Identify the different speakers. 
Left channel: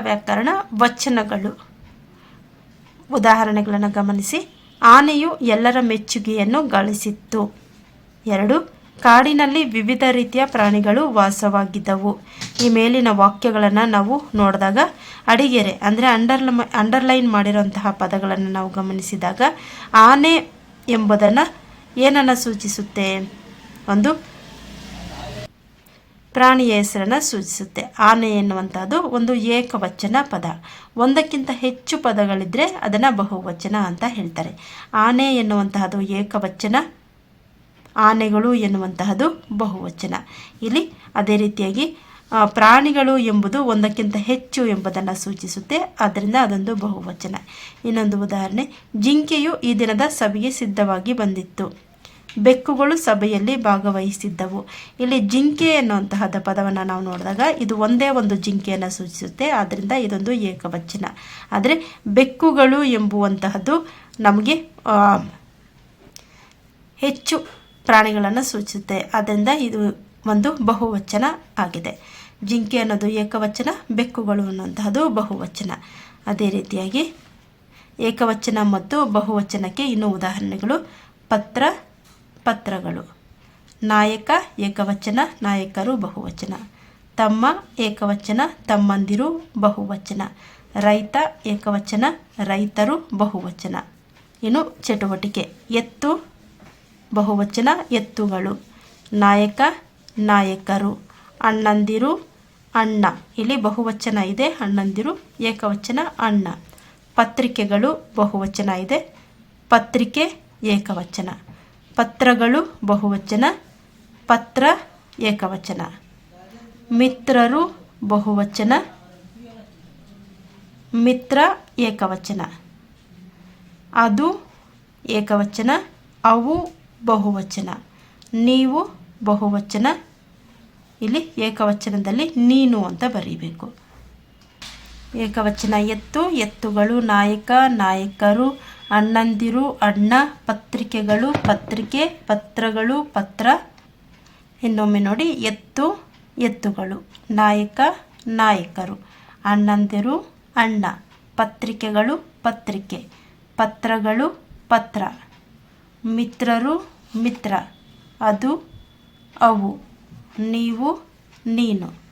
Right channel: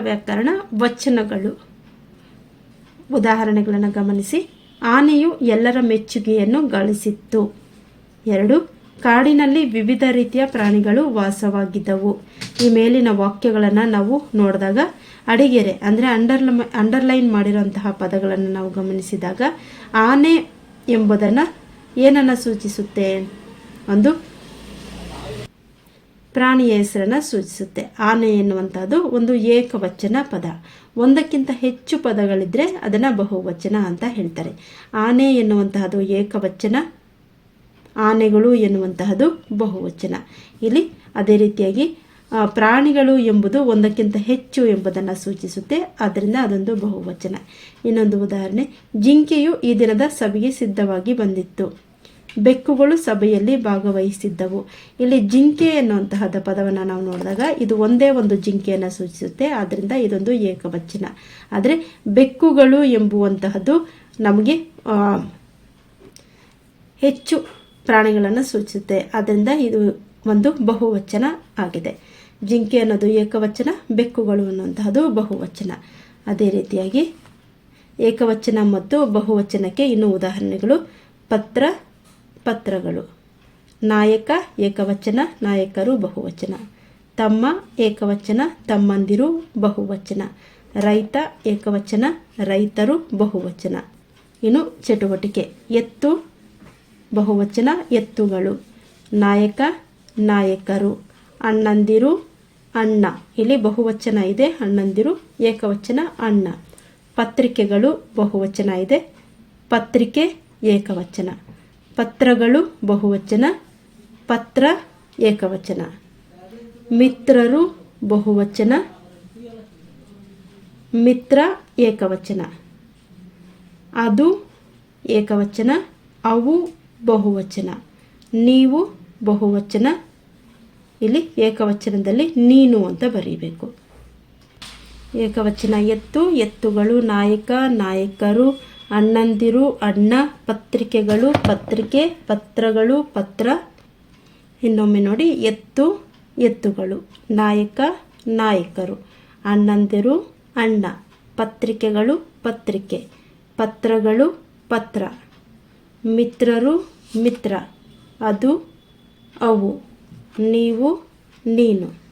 Speaker 1: ವ್ಯಾಕರಣ ವಚನಗಳು. ಉದಾಹರಣೆಗಳನ್ನು ಗಮನಿಸಿ. ಆನೆಯು ಎಲ್ಲರ ಮೆಚ್ಚುಗೆಯನ್ನು ಗಳಿಸಿತ್ತು. ಎರಡು, ಕಾಡಿನಲ್ಲಿ ವಿವಿಧ ರೀತಿಯ ಪ್ರಾಣಿಗಳು ವಾಸವಾಗಿದ್ದವು. ಈ ಮೇಲಿನ ವಾಕ್ಯಗಳನ್ನು ನಾವು ನೋಡಿದಾಗ, ಅಡಿಗೆರೆ ಅಂದರೆ ಅಂಡರ್ ಅಂಡರ್ಲೈನ್ ಮಾಡಿರುವಂತಹ ಪದಗಳನ್ನು ನಾವು ಗಮನಿಸಿದಾಗ, ಆನೆ ಎಂಬುದನ್ನು ಏನನ್ನು ಸೂಚಿಸುತ್ತೆ? ಒಂದು ಪ್ರಾಣಿಯ ಹೆಸರನ್ನು ಸೂಚಿಸುತ್ತೆ. ಆನೆ ಎನ್ನುವಂಥದ್ದು ಒಂದು ಏಕವಚನ ಪದ. ಒಂದಕ್ಕಿಂತ ಹೆಚ್ಚು ಪದಗಳಿದ್ದರೆ ಅದನ್ನು ಬಹುವಚನ ಅಂತ ಹೇಳ್ತಾರೆ. ಆನೆ ಎನ್ನುವಂತಹದ್ದು ಏಕವಚನ, ಆನೆಗಳು ಎನ್ನುವಂತಹದ್ದು ಬಹುವಚನ. ಇಲ್ಲಿ ಅದೇ ರೀತಿಯಾಗಿ ಪ್ರಾಣಿಗಳು ಎಂಬುದು ಒಂದಕ್ಕಿಂತ ಹೆಚ್ಚು ಎಂಬುದನ್ನು ಸೂಚಿಸುತ್ತೆ. ಆದ್ದರಿಂದ ಅದೊಂದು ಬಹುವಚನ. ಇನ್ನೊಂದು ಉದಾಹರಣೆ, ಜಿಂಕೆಯು ಈ ದಿನದ ಸಭೆಗೆ ಸಿದ್ಧವಾಗಿ ಬಂದಿತ್ತು. ಬೆಕ್ಕುಗಳು ಸಭೆಯಲ್ಲಿ ಭಾಗವಹಿಸಿದ್ದವು. ಇಲ್ಲಿ ಜಿಂಕೆ ಎನ್ನುವಂತಹದ ಪದವನ್ನು ನಾವು ನೋಡಿದಾಗ ಇದು ಒಂದೇ ಒಂದು ಜಿಂಕೆಯನ್ನು ಸೂಚಿಸುತ್ತೆ. ಆದ್ದರಿಂದ ಇದೊಂದು ಏಕವಚನ. ಆದರೆ ಬೆಕ್ಕುಗಳು ಎಂಬುವಂತಹದ್ದು ನಮಗೆ ಹೆಚ್ಚು ಪ್ರಾಣಿಗಳನ್ನು ಸೂಚಿಸುತ್ತೆ. ಆದ್ದರಿಂದ ಇದು ಒಂದು ಬಹುವಚನ ಆಗಿದೆ. ಜಿಂಕೆ ಅನ್ನೋದು ಏಕವಚನ, ಬೆಕ್ಕುಗಳು ಅನ್ನುವಂತಹದ್ದು ಬಹುವಚನ. ಅದೇ ರೀತಿಯಾಗಿ ಏಕವಚನ ಮತ್ತು ಬಹುವಚನಕ್ಕೆ ಇನ್ನೂ ಉದಾಹರಣೆಗಳು. ಪತ್ರ ಪತ್ರಗಳು. ನಾಯಕ, ಏಕವಚನ, ನಾಯಕರು, ಬಹುವಚನ. ತಮ್ಮ, ಏಕವಚನ, ತಮ್ಮಂದಿರು, ಬಹುವಚನ. ರೈತ, ಏಕವಚನ, ರೈತರು, ಬಹುವಚನ. ಇನ್ನು ಚಟುವಟಿಕೆ. ಎತ್ತು, ಬಹುವಚನ, ಎತ್ತುಗಳು. ನಾಯಕ, ನಾಯಕರು. ಅಣ್ಣಂದಿರು, ಅಣ್ಣ. ಇಲ್ಲಿ ಬಹುವಚನ ಇದೆ, ಅಣ್ಣಂದಿರು, ಏಕವಚನ, ಅಣ್ಣ. ಪತ್ರಿಕೆಗಳು, ಬಹುವಚನ ಇದೆ. ಪತ್ರಿಕೆ, ಏಕವಚನ. ಪತ್ರಗಳು, ಬಹುವಚನ. ಪತ್ರ, ಏಕವಚನ. ಮಿತ್ರರು, ಬಹುವಚನ. ಮಿತ್ರ, ಏಕವಚನ. ಅದು ಏಕವಚನ, ಅವು ಬಹುವಚನ. ನೀವು ಬಹುವಚನ. ಇಲ್ಲಿ ಏಕವಚನದಲ್ಲಿ ನೀನು ಅಂತ ಬರೀಬೇಕು. ಏಕವಚನ ಎತ್ತು, ಎತ್ತುಗಳು ನಾಯಕ, ನಾಯಕರು. ಅಣ್ಣಂದಿರು, ಅಣ್ಣ, ಪತ್ರಿಕೆಗಳು, ಪತ್ರಿಕೆ, ಪತ್ರಗಳು, ಪತ್ರ. ಇನ್ನೊಮ್ಮೆ ನೋಡಿ, ಎತ್ತು, ಎತ್ತುಗಳು. ನಾಯಕ, ನಾಯಕರು. ಅಣ್ಣಂದಿರು, ಅಣ್ಣ. ಪತ್ರಿಕೆಗಳು, ಪತ್ರಿಕೆ. ಪತ್ರಗಳು, ಪತ್ರ. ಮಿತ್ರರು, ಮಿತ್ರ. ಅದು ಅವು. ನೀವು, ನೀನು.